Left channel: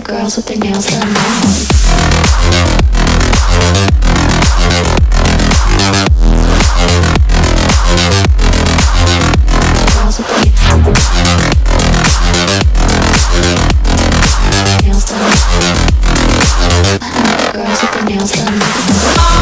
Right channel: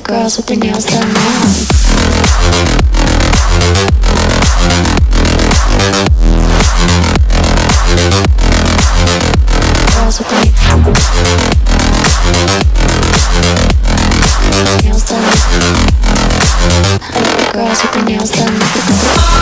the girls with their nails done now. Girls with their nails done. I like the girls with their nails done.